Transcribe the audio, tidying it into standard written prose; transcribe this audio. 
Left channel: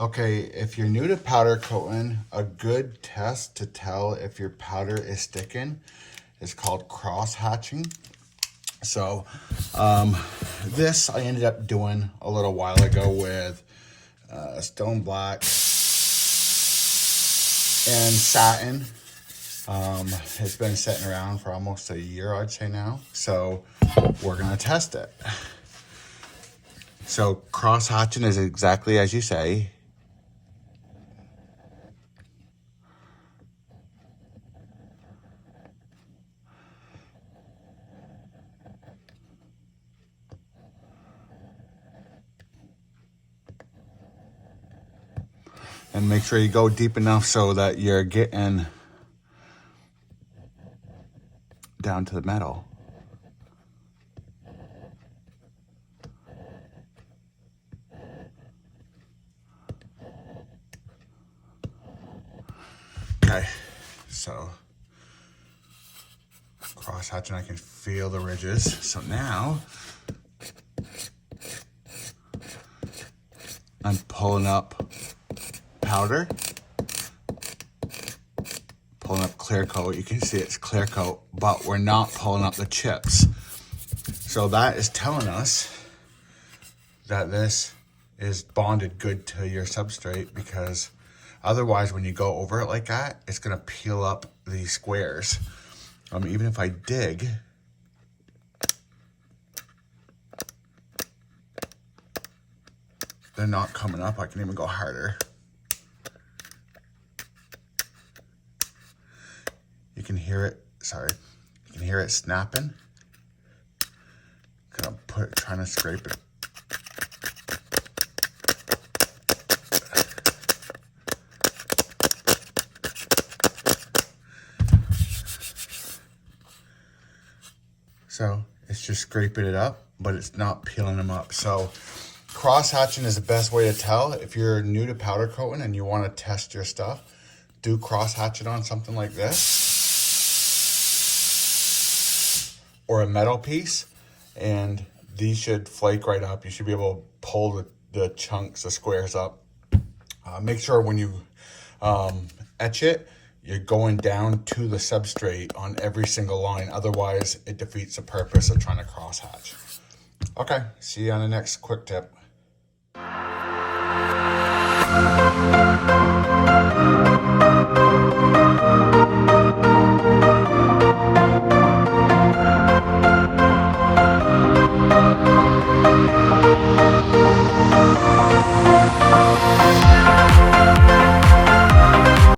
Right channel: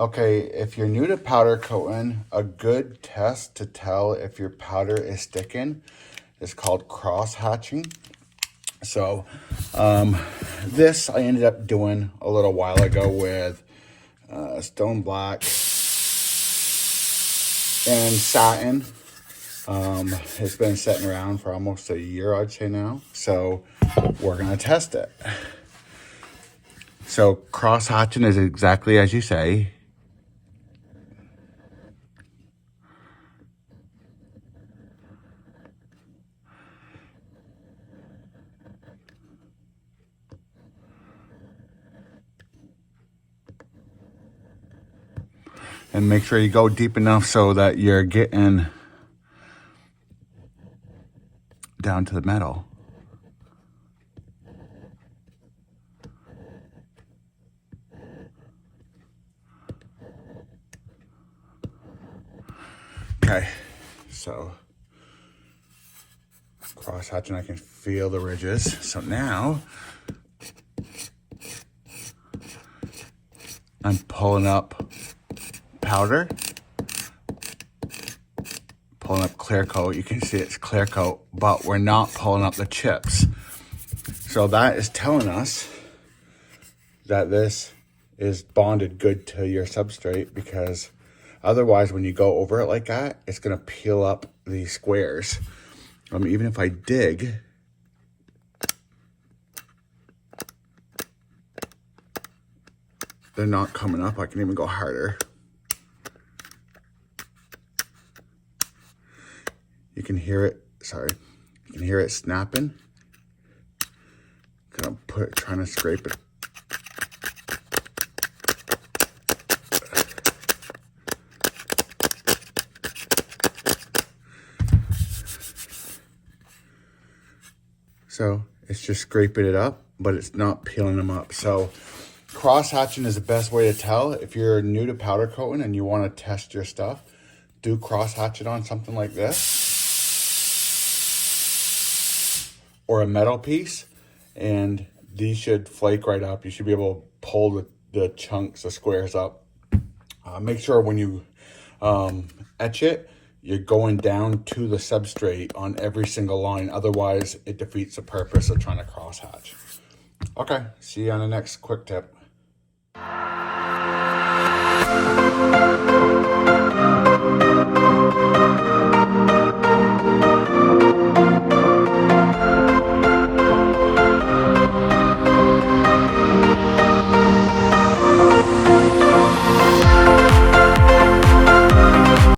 Okay, if you're new to powder coating, a good test to tell if your powder is sticking is called cross hatching. So this I ended up doing a little while ago with stone black and satin. It's been sitting around for almost a year, I'd say now. So we're gonna test it. So cross hatching is exactly as you say. And make sure you go deep enough so that you're getting down to the metal. Okay, so cross hatching, I can feel the ridges. So now I'm pulling up powder, pulling up clear coat. You can see it's clear coat, but we're not pulling up the chips. So that is telling us that this is bonded good to your substrate, because otherwise when you go over it like that, it's gonna peel up the squares. Even if I dig, they're not coming up. I can even go harder. You can hear it, sorry, you can hear it snapping. Gonna trying to scrape it. So it's just scraping it up, but it's not peeling them up. So cross hatching is the best way to tell. If you're new to powder coating and you want to test your stuff, do cross hatch it on something like this or a metal piece, and these should flake right up. You should be able to pull the chunks, the squares up. Make sure when you etch it, you're going down to the substrate on every single line. Otherwise, it defeats the purpose of trying to cross hatch. Okay, see you on the next quick tip.